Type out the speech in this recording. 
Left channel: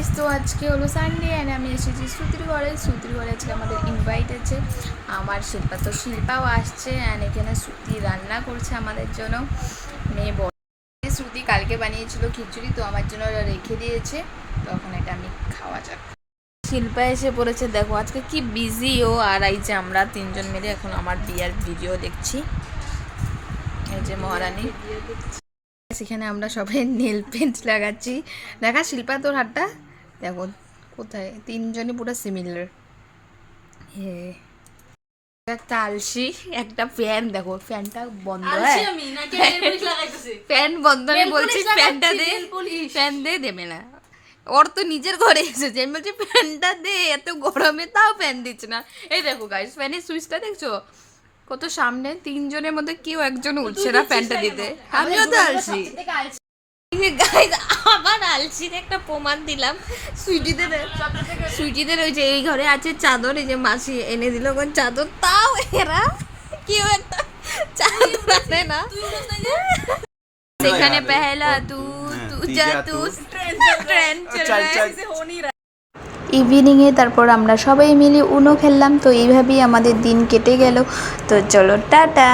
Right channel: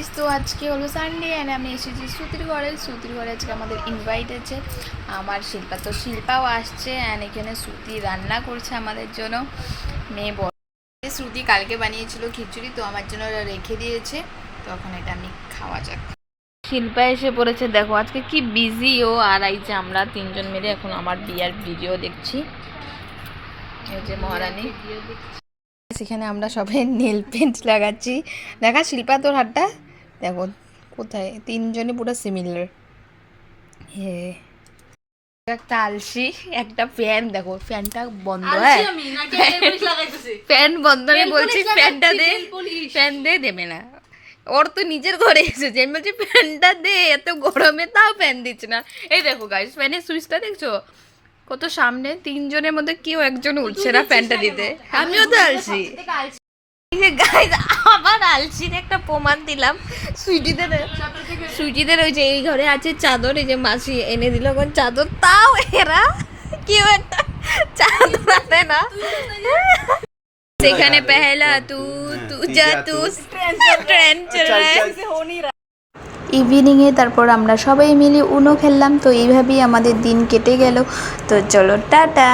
Guys, তো আজকে হলো সানডে অ্যান্ড আমি এসেছি শ্রুতির ঘরে আজকে আমাদের ইনভাইট আছে আমার শিল্পাও আসছে অ্যান্ড এখানে শ্রুতি রান্না করছে আমাদের জন্য। মেয়ে বল শ্রুতি কালকে বানিয়েছিল খিচুড়ি, তো আমার জন্য রেখে দিয়েছে, তখন এটা আমি খাওয়া যাক। শিল্পা এসে পড়েছে, দেখো আজকে কি বিজি ও। আর এই যে আমরা তিনজন মিলে এখন আমার বিয়ার ভিডিও দেখছি। এই যে মহারানী, সেখানে আমরা সবাই নেল পেন্ট লাগাচ্ছি। দেখা শিল্পা তোর হাতটা দেখো কোথায়, তিনজনই পুরো সিমিলার। হে একটা আলসি, একটা ফ্যান, দেখো ফ্যানটা বন্ধ। ফ্যান বন্ধ, আমি বলছি ফ্যানটা দে, ফ্যান দে, দেবে না। ওর তো নিজের ঘরে এসেছে, আমি বলছি ফ্যানটা দে, এত গরমে তাও ফ্যান দিচ্ছে না। এই দেখো গাইস, ফ্যানের সুইচটা দেখছো কত সামনে, তিনজনের মধ্যে কেউ একজন উঠছে না ফ্যানটা দিতে। আমিও তো আলসি। আবার আলসির একটা প্রমাণ দিলাম। সুইটিদের ওই যে এই ঘরে আছে চাদর, এই যে মাসি এনে দিল চাদর, তাও এরা কেউ একটা চাদর আনে না। সেখানে পেহলা তু যা তু ট্রেন্ড চল রহা। ইভিনিংয়ে তারপর আমরা সবাই মিলে উনো খেললাম, তো এইভাবেই আমাদের দিন কেটে গেল। তো চলো টাটা।